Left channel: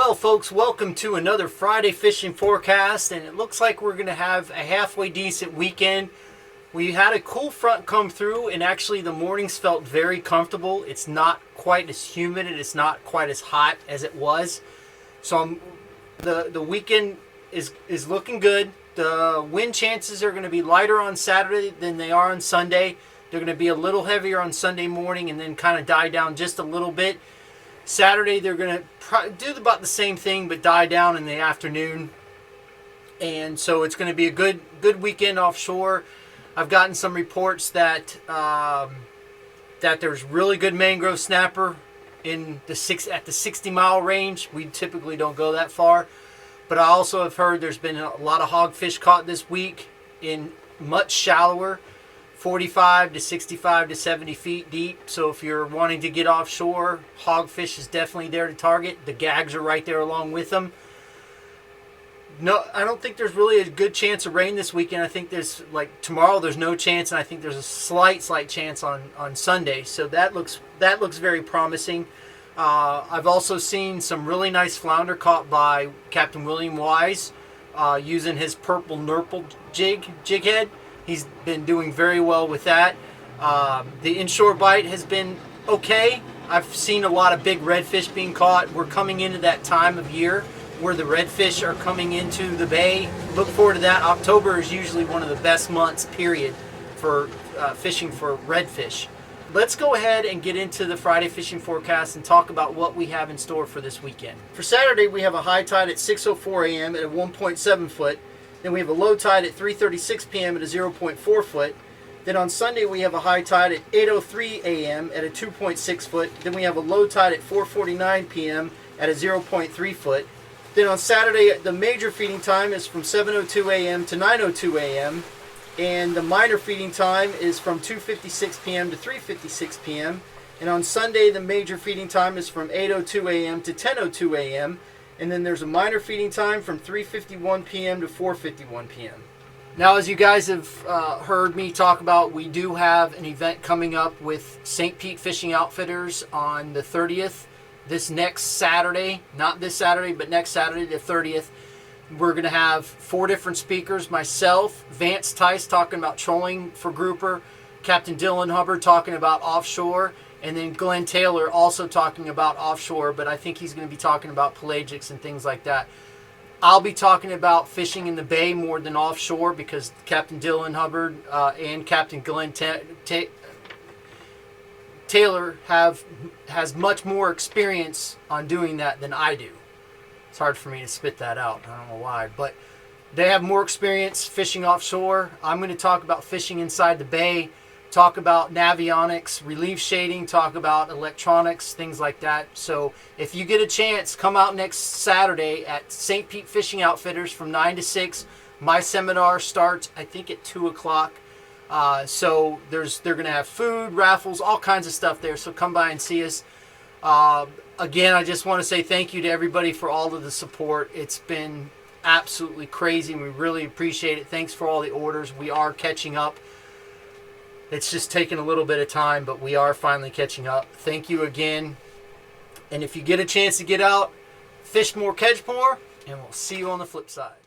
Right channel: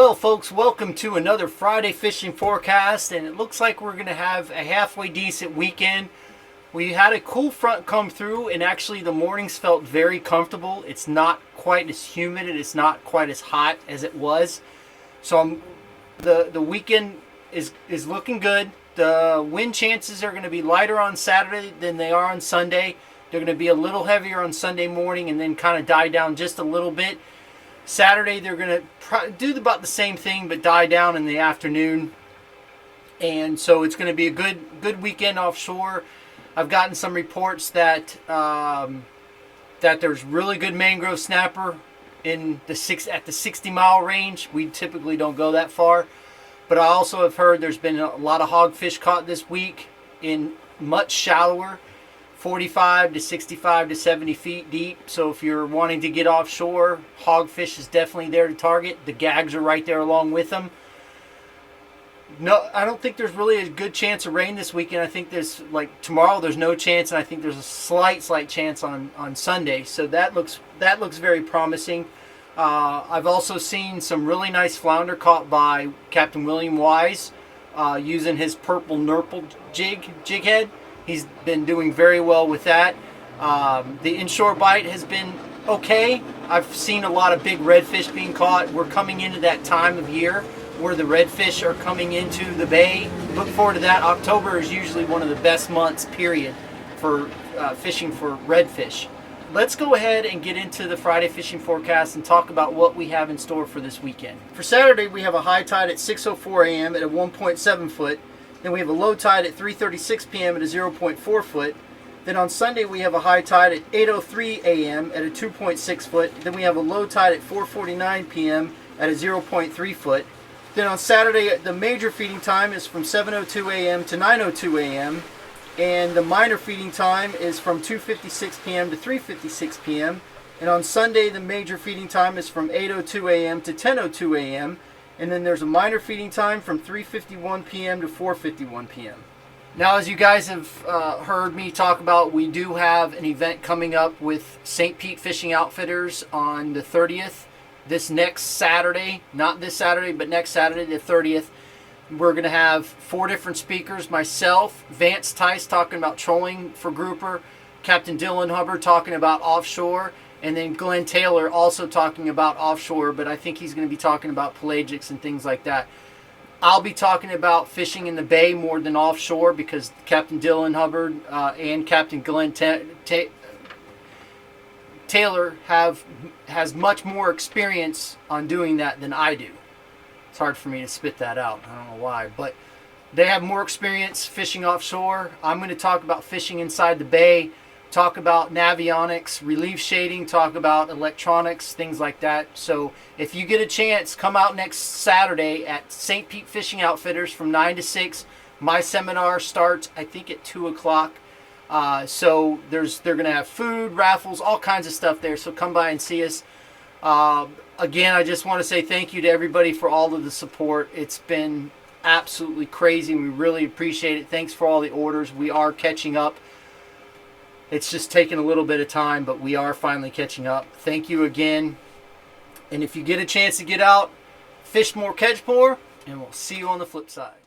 Well, folks, welcome to another Friday fishing forecast, and it looks like we're going to have a halfway decent weekend. We had a cool front come through, and actually the mornings felt very comfortable. It's not quite as humid, and it's not quite as hot as it was. So the weekend is looking good. The wind chances are going to be lighter on Saturday than they are on Sunday. They're going to be a little heavier on Sunday morning and then kind of die down just a little bit. Saturday, they're going to do about the same thing, but die down in the afternoon. And so it's going to be a good weekend offshore. I've gotten some reports that that there's really good mangrove snapper at the 60-mile range. We typically don't go that far. But I also have heard there's been a lot of hogfish caught this week in much shallower, 45 to 65 to 70 feet deep. So if you're wanting to get offshore, hogfish is definitely there to target. The gags are right there along with them. No, I don't think there's really a good chance of rain this weekend. I think there's, like, tomorrow there's no chance, and I think there's a slight chance on Sunday. So that looks very promising. I've also seen some really nice flounder caught by Captain William Wise using his purple nurple jig head. He's been doing very well with that. The inshore bite has been okay. I've seen a lot of big redfish being caught. We're coming into that time of year where the redfish are coming into the bay. Look forward to that. October is usually one of the best months, period, for fishing for redfish. Let's go ahead and get into the Friday fishing forecast and talk about what we have in store for this weekend. For Saturday, we have a high tide at 6:04 a.m. at a 1.7 foot. Then we have a low tide at 3:36 p.m. at a 0.4 foot. Then on Sunday, we have a high tide at 8:03 a.m. at a 2.6 foot. Then we have a low tide at 4:49 p.m. at a 0.3 foot. Then on Saturday, the major feeding time is from 7:02 a.m. to 9:02 a.m. And the minor feeding time is from 2:56 p.m. to 3:56 p.m. And on Sunday, the major feeding time is from 8:02 a.m. to 10:02 a.m. And then there's a minor feeding time from 3:51 p.m. to 4:51 p.m. Now, as you guys have heard me talk about, we do have an event coming up with St. Pete Fishing Outfitters on the 30th. This next Saturday, not this Saturday, but next Saturday, the 30th. We're going to have 4 different speakers. Myself, Vance Tice talking about trolling for grouper, Captain Dylan Hubbard talking about offshore, and then Glenn Taylor also talking about offshore, but I think he's going to be talking about pelagics and things like that. I'll be talking about fishing in the bay more than offshore because Captain Dylan Hubbard and Captain Glenn Taylor has much more experience on doing that than I do. It's hard for me to spit that out. I don't know why, but they have more experience fishing offshore. I'm going to talk about fishing inside the bay, talk about navionics, relief shading, talk about electronics, things like that. So if you get a chance, come out next Saturday at St. Pete Fishing Outfitters from 9 to 6. My seminar starts, I think, at 2 o'clock. So they're going to have food, raffles, all kinds of stuff there. So come by and see us. Again, I just want to say thank you to everybody for all of the support. It's been absolutely crazy. We really appreciate it. Thanks for all the orders. We are catching up. It's just taken a little bit of time, but we are finally catching up. Thank you again. And if you get a chance to get out, fish more, catch more, and we'll see you on the flip side.